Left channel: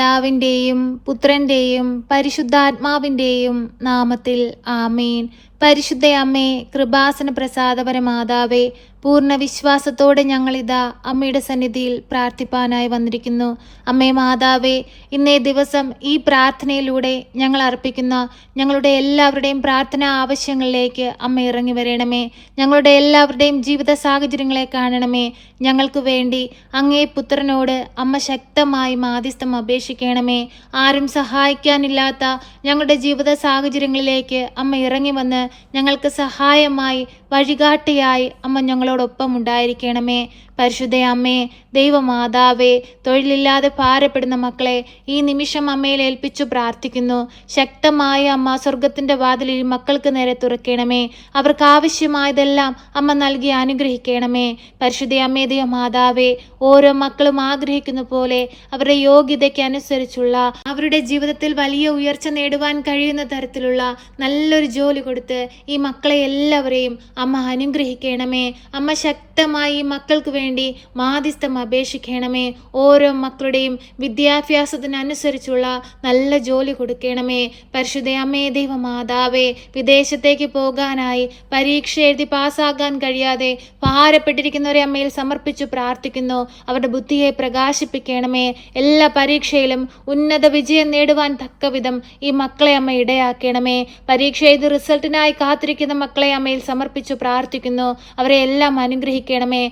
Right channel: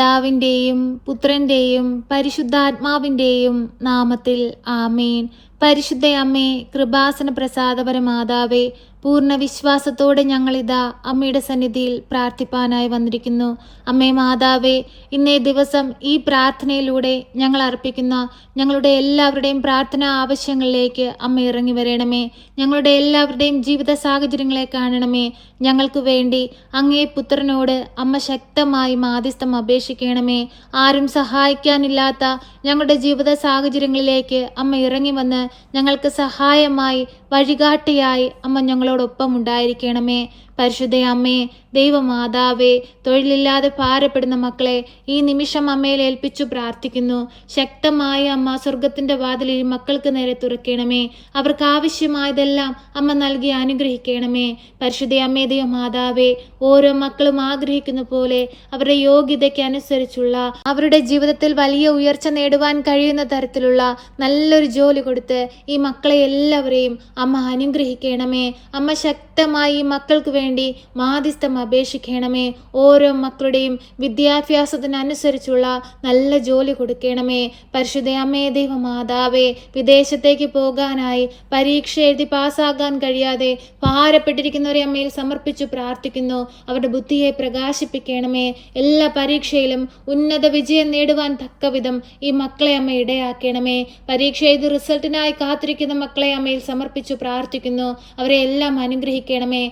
പിതാവിന്റെയും പുത്രന്റെയും പരിശുദ്ധാത്മാവിന്റെയും നാമത്തിൽ ആമേൻ. പരിശുദ്ധയമ്മേ കൃപാസന പ്രസാദപര മാതാവേ പൂർണ വിശ്വാസത്തോടെ ഞങ്ങളിതാ അമ്മയുടെ സന്നിധിയിൽ പ്രാർത്ഥിപ്പാനായി വന്നിരിക്കുന്നു. അമ്മേ മാതാവേ ഇന്നേ ദിവസം ഈ പ്രാർത്ഥനയിലൂടെ ഞങ്ങൾ അർപ്പിക്കുന്ന ഞങ്ങളുടെ എല്ലാവരുടെയും പ്രാർത്ഥനാ ആവശ്യങ്ങളിലേക്ക് അമ്മ ഇറങ്ങി വരണമേ. ഞങ്ങളുടെ എല്ലാവരുടെയും ജീവിത സാഹചര്യങ്ങളെ കാണണമേ. ഞങ്ങൾക്ക് വേണ്ടി അങ്ങേ പുത്രനോട് അമ്മ ശക്തമായി മാധ്യസ്ഥം അപേക്ഷിക്കണമേ. ആരും സഹായിക്കാനില്ലാത്ത ഞങ്ങളുടെ ജീവിത സാഹചര്യങ്ങളിലേക്ക് അമ്മ ഇറങ്ങി വന്ന് ഞങ്ങൾക്ക് സഹായമായി വഴികാട്ടിയായി അമ്മ ഞങ്ങളോടൊപ്പം ഉണ്ടായിരിക്കണമേ. പരിശുദ്ധ അമ്മേ ദൈവമാതാവേ തൊഴിലില്ലാതെ ഭാരപ്പെടുന്ന മക്കളെ ഈ നിമിഷം അമ്മയിൽ ഏൽപ്പിച്ചു പ്രാർത്ഥിക്കുന്നു. ശക്തമായ അമ്മ സ്വർഗത്തിന്റെ വാതിലിൽ മക്കൾക്ക് നേരെ തുറക്കണമേ. അവർക്ക് ആവശ്യമായതെല്ലാം അമ്മ നൽകി അനുഗ്രഹിക്കണമേ. പരിശുദ്ധയമ്മേ ദൈവമാതാവേ ഓരോ മക്കളും ആഗ്രഹിക്കുന്ന പോലെ അവരുടെ യോഗ്യതയ്ക്ക് അനുസരിച്ചുള്ള അവരുടെ ജീവിതത്തിൽ വലിയ ഉയർച്ച നേടുവാൻ കഴിയുന്ന തരത്തിലുള്ള നല്ലൊരു ജോലി കൊടുത്ത് ഈ മക്കളെ എല്ലാവരെയും അമ്മ അനുഗ്രഹിക്കണമേ. അമ്മ ശക്തമായി മക്കൾക്ക് വേണ്ടി മാധ്യസ്ഥം അപേക്ഷിക്കണമേ. ഓരോ മക്കളുടെയും വിദ്യാഭ്യാസത്തിനനുസരിച്ചുള്ള നല്ല ജോലി കൊടുക്കണമേ. പരിശുദ്ധ അമ്മേ ദൈവമാതാവേ വിദേശത്തേക്ക് പോകാനായി പരീക്ഷ എഴുതി പാസ്സാകാൻ കഴിയാതെ ഭാരപ്പെട്ടിരിക്കുന്നവരെ അമ്മയിൽ സമർപ്പിച്ചു പ്രാർത്ഥിക്കുന്നു. അവരുടെ ബുദ്ധിയെ പ്രകാശിപ്പിക്കണമേ. എല്ലാ പരീക്ഷയിലും ഉന്നത വിജയം നേടുവാൻ തക്കവിധം ഈ മക്കളെ അമ്മ ഇടയാക്കണമേ. പരീക്ഷ എഴുതി റിസൾട്ടിനായി കാത്തിരിക്കുന്ന മക്കളെ അമ്മയിൽ സമർപ്പിച്ചു പ്രാർത്ഥിക്കുന്നു. അവരെ എല്ലാം അനുഗ്രഹിക്കണമേ.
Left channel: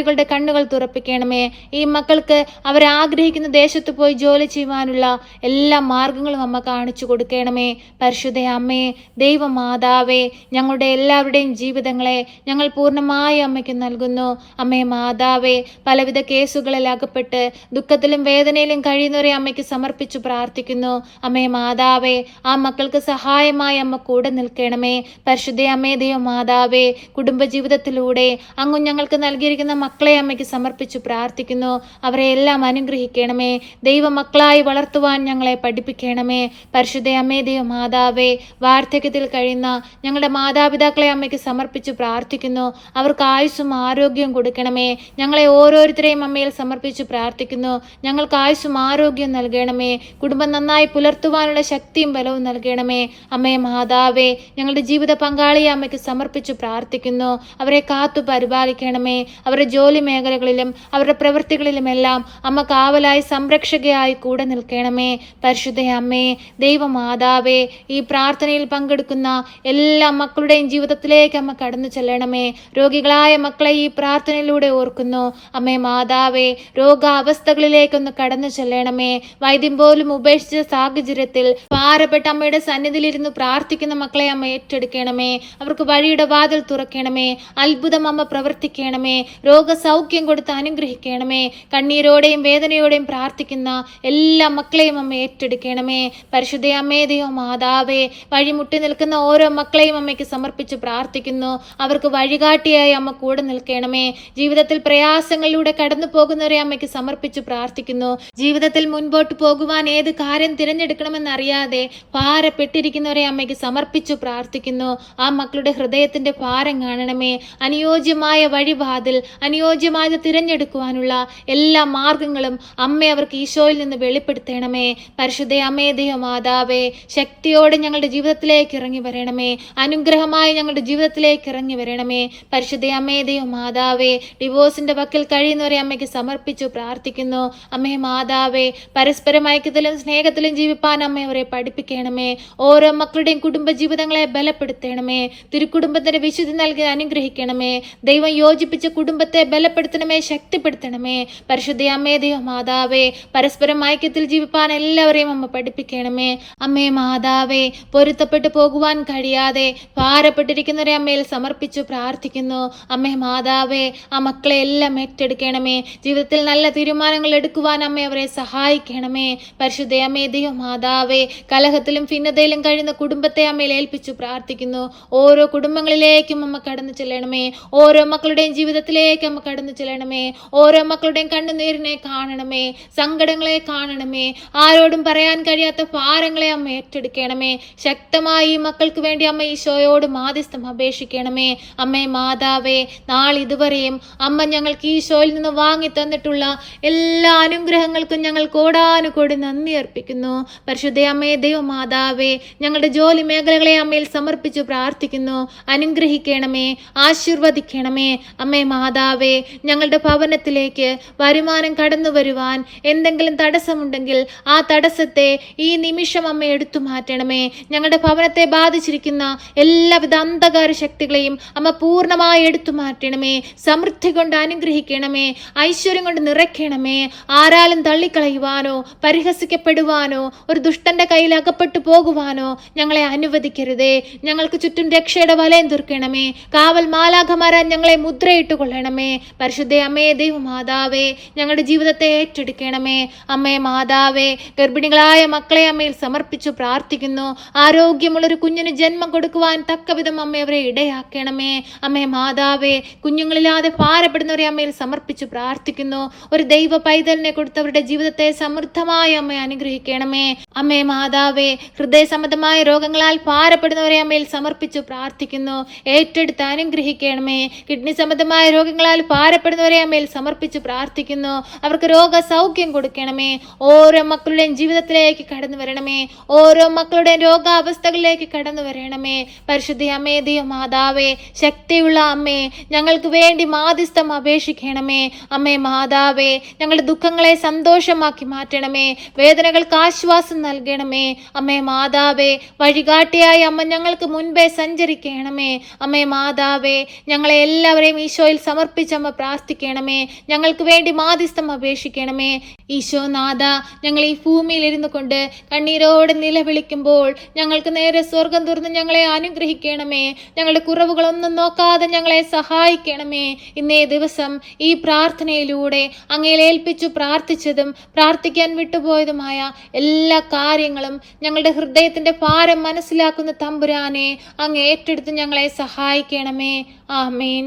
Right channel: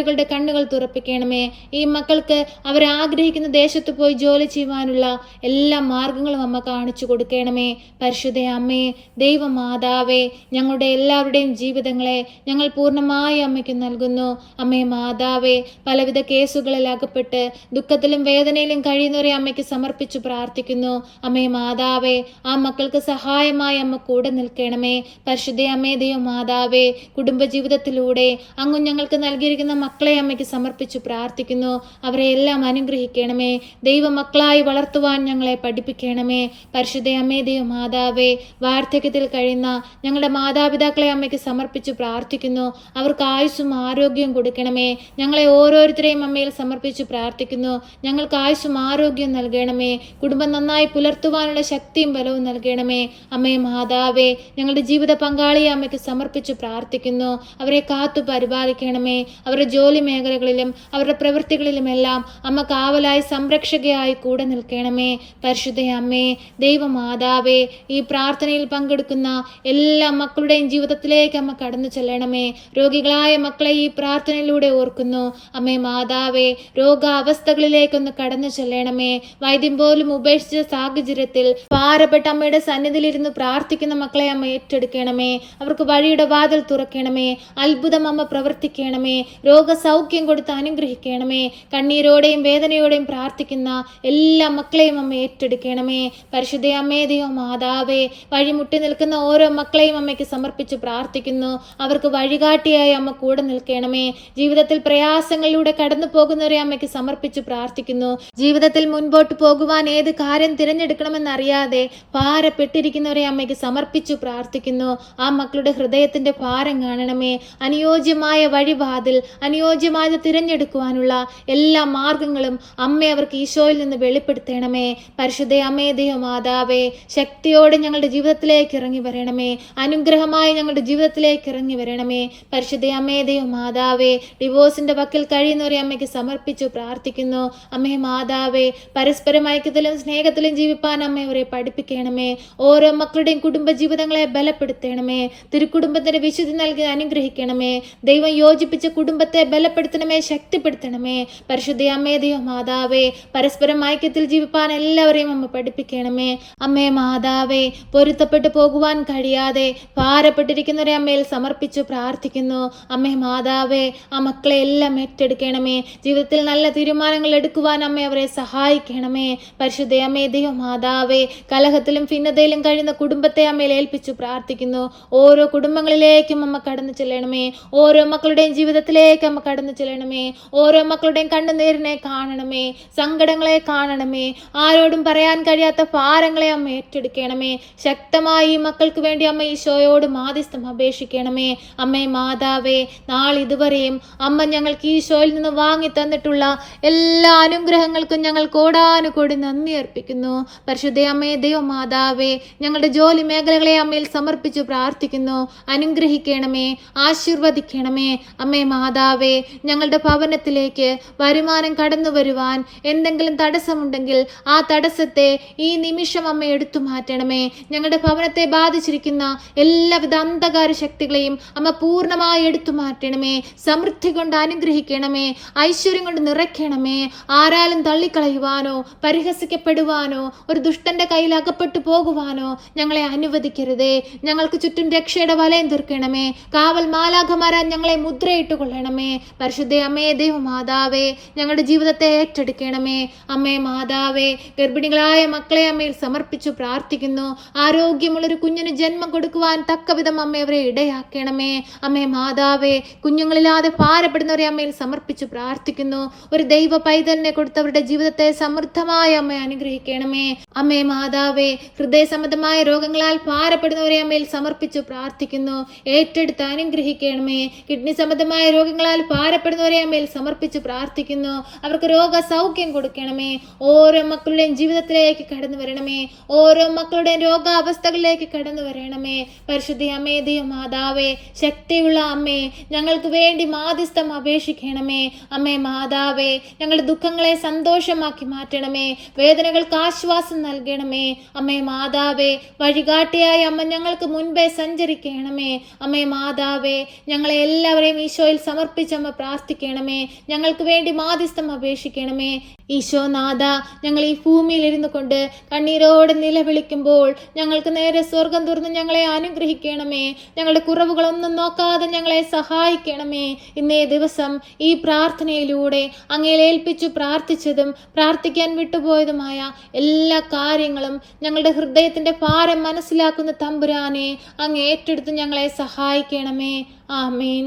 അധികാരികളുടെ കണ്ണുകൾ തുറപ്പിക്കണമേ. ഈ മക്കൾക്ക് അവർ ആഗ്രഹിക്കുന്ന ദേശത്ത് പോയി ജോലി ചെയ്യുവാനുള്ള എല്ലാ മാർഗങ്ങളും അമ്മ കാണിച്ചു കൊടുക്കണമേ. പരിശുദ്ധ അമ്മേ ദൈവമാതാവേ ഞങ്ങളുടെ എല്ലാവരുടെയും ജീവിതങ്ങളെ ഞങ്ങൾ പൂർണമായി അമ്മയ്ക്ക് നൽകുന്നു. അമ്മേ മാതാവേ പലവിധ കേസുകളിൽ അകപ്പെട്ട് ദുഃഖത്തിലും വേദനയിലും കഴിയുന്നവരെ അമ്മയ്ക്ക് സമർപ്പിച്ചു പ്രാർത്ഥിക്കുന്നു. അമ്മേ മാതാവേ ആ മക്കൾക്ക് സഹായമായി അമ്മ കൂടെ നിൽക്കണമേ. പരിശുദ്ധ അമ്മേ ദൈവ മാതാവേ കുടുംബജീവിതത്തിലൂടെ അങ്ങ് ഞങ്ങൾക്ക് നൽകിയിരിക്കുന്ന മക്കളെ അമ്മയ്ക്ക് സമർപ്പിച്ചു പ്രാർത്ഥിക്കുന്നു. അവരെ എല്ലാം അനുഗ്രഹിക്കണമേ. ദൈവമക്കളായി വളർത്തുവാൻ ഞങ്ങളെ പഠിപ്പിക്കണമേ. പരിശുദ്ധ അമ്മേ ദൈവ മാതാവേ വാർദ്ധക്യത്തിൽ കഴിയുന്ന ഞങ്ങളുടെ മാതാപിതാക്കളെ അമ്മയ്ക്ക് സമർപ്പിച്ചു പ്രാർത്ഥിക്കുന്നു. അവർക്ക് ആയുസ്സും ആരോഗ്യവും കൊടുക്കണമേ. ഞങ്ങളെ ഓരോരുത്തരെയും അമ്മയിൽ സമർപ്പിച്ചു പ്രാർത്ഥിക്കുന്നു. ഞങ്ങൾക്ക് ആയുസ്സും ആരോഗ്യം നൽകണമേ. കുടുംബം നന്നായി പുലർത്തുവാനുള്ള ശക്തിയും ബലവും നൽകണമേ. അമ്മേ മാതാവേ ഞങ്ങളുടെ ജീവിത പങ്കാളിയെ അമ്മയ്ക്ക് സമർപ്പിച്ചു പ്രാർത്ഥിക്കുന്നു. അവരെ കാത്തു പരിപാലിക്കണമേ. അവരുടെ ജോലി മേഖലകളിലും അവരുടെ പ്രവൃത്തികളിലുമെല്ലാം അമ്മ കാവലായി സംരക്ഷകയായി കൂടെ നിൽക്കണമേ. പരിശുദ്ധ അമ്മേ ദൈവമാതാവേ ഈ പ്രാർത്ഥനയിൽ പങ്കെടുക്കുന്ന എല്ലാ മക്കളുടെയും ജീവിതത്തിലേക്ക് അമ്മ കടന്നു ചെല്ലണമേ. രോഗികളായ മക്കളെ ഈ പ്രാർത്ഥനയിലൂടെ ഓർക്കുന്നു. അമ്മേ മാതാവേ രോഗാവസ്ഥകളിലേക്കൊന്ന് കടന്നു ചെല്ലണമേ. വൈദ്യം പോലും ഉപേക്ഷിച്ച സാഹചര്യത്തിൽ പാരപ്പെട്ട അമ്മയുടെ സന്നിധിയിലിരുന്ന് പ്രാർത്ഥിക്കുന്ന മക്കളെ അമ്മ ഏറ്റെടുക്കണമേ. അവർക്ക് വഴിയുടെ വാതിൽ തുറക്കണമേ. അത്ഭുതം അമ്മ പ്രവർത്തിക്കണമേ. രോഗസൗഖ്യം കൊടുത്ത് അനുഗ്രഹിക്കണമേ. കണ്ണീരോടെയും വേദനയോടെയും പ്രാർത്ഥിക്കുന്ന എല്ലാ മക്കളെയും അമ്മ ഏറ്റെടുക്കണമേ. പരിശുദ്ധ അമ്മേ ദൈവം മാതാവേ വഴിമുട്ടി നിൽക്കുന്ന ഓരോ മക്കളെയും അമ്മയ്ക്ക് സമർപ്പിച്ച് പ്രാർത്ഥിക്കുന്നു. അവർക്ക് വഴികാട്ടിയായി അമ്മ കൂടെ നിൽക്കണമേ. ജീവിതത്തിൽ പ്രയാസങ്ങളിലൂടെ കടന്നു പോകുന്നവരെ അമ്മയ്ക്ക് സമർപ്പിച്ച് പ്രാർത്ഥിക്കുന്നു. ജീവിതത്തിൽ മുൻപോട്ട് പോകുവാൻ ഏത് കാര്യം തിരഞ്ഞെടുക്കണമെന്നറിയാതെ ഭാരപ്പെട്ടിരിക്കുന്നവരെ അമ്മയ്ക്ക് സമർപ്പിച്ചു പ്രാർത്ഥിക്കുന്നു. ആ മക്കളുടെ ഹൃദയത്തിന്റെ ഭാരം കാണണമേ. അനുയോജ്യമായ വഴിവാതിൽ അനുയോജ്യമായത് തിരഞ്ഞെടുക്കുവാനുള്ള എല്ലാ മാർഗങ്ങളും അമ്മ അവർക്ക് ഈശോയിൽ നിന്ന് വെളിപ്പെടുത്തണമേ. പരിശുദ്ധ അമ്മേ മാതാവേ ശക്തിയോടെ ഞങ്ങളുടെ ജീവിതത്തിലേക്ക് ഇറങ്ങി വരണമേ. അനുഗ്രഹമായി ഞങ്ങളുടെ ജീവിതത്തിലേക്ക് ഇറങ്ങി വരണമേ. പരിശുദ്ധ അമ്മേ മാതാവേ ഡിവോഴ്സിന്റെ വക്കിൽ കഴിയുന്നവരെ അമ്മയ്ക്ക് സമർപ്പിച്ചു പ്രാർത്ഥിക്കുന്നു. അമ്മേ മാതാവേ പരസ്പരം ഐക്യത്തിലും സ്നേഹത്തിലും ജീവിപ്പാൻ അമ്മ അവരെ പഠിപ്പിക്കണമേ. ഓരോ മക്കളുടെയും കുടുംബജീവിതങ്ങളെ ബലപ്പെടുത്തണമേ. തിരുക്കുടുംബത്തിന്റെ വിശുദ്ധി നൽകി അനുഗ്രഹിക്കണമേ. ദൈവം യോജിപ്പിച്ച കുടുംബത്തെ ബലപ്പെടുത്തണമേ ശക്തിപ്പെടുത്തണമേ. പരിശുദ്ധയമ്മേ ദൈവ മാതാവേ പരസ്പരം ഐക്യത്തിൽ ജീവിപ്പാൻ എല്ലാവരെയും അമ്മ പഠിപ്പിക്കണമേ. അമ്മേ മാതാവേ പൊരുത്തപ്പെട്ടു പോകുവാൻ കഴിയാതെ ഭാരപ്പെട്ടിരിക്കുന്നവരെ അമ്മയിൽ സമർപ്പിച്ചു പ്രാർത്ഥിക്കുന്നു. അമ്മേ മാതാവേ ആ മക്കളെ എല്ലാം ഏറ്റെടുക്കണമേ. ജീവിതത്തിൽ നല്ല തീരുമാനങ്ങൾ എടുക്കുവാൻ അമ്മ അവരെ സഹായിക്കണമേ. പരിശുദ്ധയമ്മേ ദൈവ മാതാവേ കലഹത്തിലും ഭിന്നതയിലും കഴിയുന്ന കുടുംബത്തെ അമ്മയിൽ ഏൽപ്പിച്ചു പ്രാർത്ഥിക്കുന്നു. ഓരോ കുടുംബങ്ങളിലേക്കും അമ്മ കടന്നു ചെല്ലണമേ. ഓരോ മക്കളുടെയും ജീവിതത്തിലേക്ക് അമ്മ കടന്നു ചെല്ലണമേ. ഓരോ മക്കളുടെയും കണ്ണുനീരിനെ കാണണമേ. സങ്കടങ്ങളെ കാണണമേ. ആരോടും പറയാൻ കഴിയാത്ത ഭാരങ്ങളെ അമ്മ ഏറ്റെടുക്കണമേ. ശക്തമായി ഈ മക്കൾക്ക് വേണ്ടി അമ്മ ഈശോയോട് മാധ്യസ്ഥം അപേക്ഷിക്കണമേ. അമ്മേ മാതാവേ നാളിതുവരെയും അമ്മ ഞങ്ങൾക്ക് ഈശോയിൽ നിന്ന് വാങ്ങി തന്നിട്ടുള്ള എല്ലാ അനുഗ്രഹങ്ങൾക്കും ഞങ്ങൾ കോടാനുകോടി നന്ദി അർപ്പിക്കുന്നു. പരിശുദ്ധ അമ്മേ ദൈവമാതാവേ ഞങ്ങളുടെ ജോലി മേഖലകളെ അമ്മയിൽ സമർപ്പിച്ചു പ്രാർത്ഥിക്കുന്നു. അനുഗ്രഹിക്കണമേ ആശീർവദിക്കണമേ. അമ്മേ മാതാവേ ഞങ്ങളുടെ ഭവനത്തിലേക്ക് വരുമാനം കടന്നു വരുവാൻ എന്തെങ്കിലും തടസ്സമുണ്ടെങ്കിൽ ആ തടസ്സത്തെ ഈ നിമിഷം അമ്മ എടുത്തു മാറ്റണമേ. ഞങ്ങളുടെ ഭവനത്തെ ബാധിച്ചിരിക്കുന്ന എല്ലാവിധ അന്ധകാര ശക്തികളെയും അമ്മ പൂർണമായി എടുത്തു മാറ്റണമേ. സമൃദ്ധി കൊണ്ട് അനുഗ്രഹിക്കണമേ. ഐശ്വര്യം കൊണ്ട് നിറയ്ക്കണമേ. ആരാലും തള്ളിക്കളയുവാനോ പരിഹസിക്കപ്പെടുവാനോ ഒരു ദുഷ്ടന്റെ കയ്യിൽ അകപ്പെട്ടു പോകുവാനോ ഞങ്ങളെ അനുവദിക്കരുതേ. ഞങ്ങൾക്ക് ചുറ്റും രക്ഷയുടെ വലയം തീർക്കണമേ. കാവൽ മാലാഖമാരാൻ ഞങ്ങളെ മുദ്രയിട്ട് കൊള്ളണമേ പരിശുദ്ധ അമ്മേ ദൈവമാതാവേ ഞങ്ങളുടെ ജീവിതത്തെ ഏറ്റെടുക്കണമേ. അമ്മേ മാതാവേ ഗർഭിണികളായ മക്കളെ അമ്മയിൽ സമർപ്പിച്ചു പ്രാർത്ഥിക്കുന്നു. ആരോഗ്യമുള്ളൊരു കുഞ്ഞിന് ജന്മം കൊടുക്കുവാൻ തക്കവിധം അമ്മ അവരെ ഇടയാക്കണമേ. അമ്മേ മാതാവേ കുഞ്ഞുങ്ങളില്ലാതെ ഭാരപ്പെടുന്നവരെ അമ്മയിൽ സമർപ്പിച്ചു പ്രാർത്ഥിക്കുന്നു. ഒരു ദൈവ പൈതലിനെ കൊടുത്തവരുടെ ജീവിതത്തെ സമൃദ്ധമായ അമ്മ അനുഗ്രഹിക്കണമേ. അമ്മേ മാതാവേ ഹൃദയ സംബന്ധമായ രോഗങ്ങളാൽ ഭാരപ്പെടുന്നവരെ അമ്മയിൽ സമർപ്പിച്ചു പ്രാർത്ഥിക്കുന്നു. ഏറ്റെടുത്ത് അനുഗ്രഹിക്കണമേ. കിഡ്നി സംബന്ധമായ രോഗങ്ങളാൽ ഭാരപ്പെടുന്നവരെ അമ്മയിൽ സമർപ്പിച്ച് പ്രാർത്ഥിക്കുന്നു. അവർക്ക് രോഗ സൗഖ്യം കൊടുക്കണമേ. ഓരോ മക്കളുടെയും ജീവിതത്തിലേക്ക് കടന്നു വരണമേ. ഓരോ മക്കളുടെയും രോഗാവസ്ഥകളിലേക്ക് കടന്നു വരണമേ. പരിശുദ്ധി അമ്മേ ദൈവ മാതാവേ ശക്തിയുള്ള അമ്മേ ഞങ്ങൾക്ക് വേണ്ടി മാധ്യസ്ഥം അപേക്ഷിക്കണമേ. അമ്മേ മാതാവേ ഞങ്ങളുടെ ദുഃഖങ്ങളെ സന്തോഷമാക്കി മാറ്റണമേ. വേദനകൾക്ക് ആശ്വാസം നൽകണമേ. അമ്മേ മാതാവേ വഴികാട്ടിയായി അമ്മ ഞങ്ങൾക്ക് മുൻപേ സഞ്ചരിക്കണമേ. അമ്മേ മാതാവേ ഞങ്ങളെ എല്ലാവരെയും ഈശോയിൽ സമർപ്പിച്ചമ്മ പ്രാർത്ഥിക്കണമേ. ഞങ്ങൾക്ക് വേണ്ടി മാധ്യസ്ഥം അപേക്ഷിക്കണമേ. ഈശോ നാഥ ഞങ്ങൾ ഈ ഭൂമിയിൽ ഇരുന്നു കൊണ്ട് കണ്ണീരോടെ നിലവിളിക്കുമ്പോൾ ഞങ്ങൾക്ക് നേരെ സ്വർഗം തുറന്ന് ഞങ്ങളെ അനുഗ്രഹിക്കണമേ. ഞങ്ങളുടെ കുറവുകളൊന്നും നോക്കാതെ ഞങ്ങളെ സഹായിക്കണമേ. ഇന്നേ ദിവസം ഈ പ്രാർത്ഥനയിലൂടെ അങ്ങയിൽ ഏൽപ്പിച്ചു പ്രാർത്ഥിച്ചതും പ്രാർത്ഥിക്കാൻ വിട്ടുപോയതുമായ എല്ലാ കാര്യങ്ങളും ഞങ്ങളുടെ ഹൃദയത്തിന്റെ ഭാരം മനസ്സിലാക്കുന്ന തമ്പുരാനെ അങ്ങ് ഏറ്റെടുത്ത് ഞങ്ങളെ സഹായിക്കണമേ. ആമീൻ.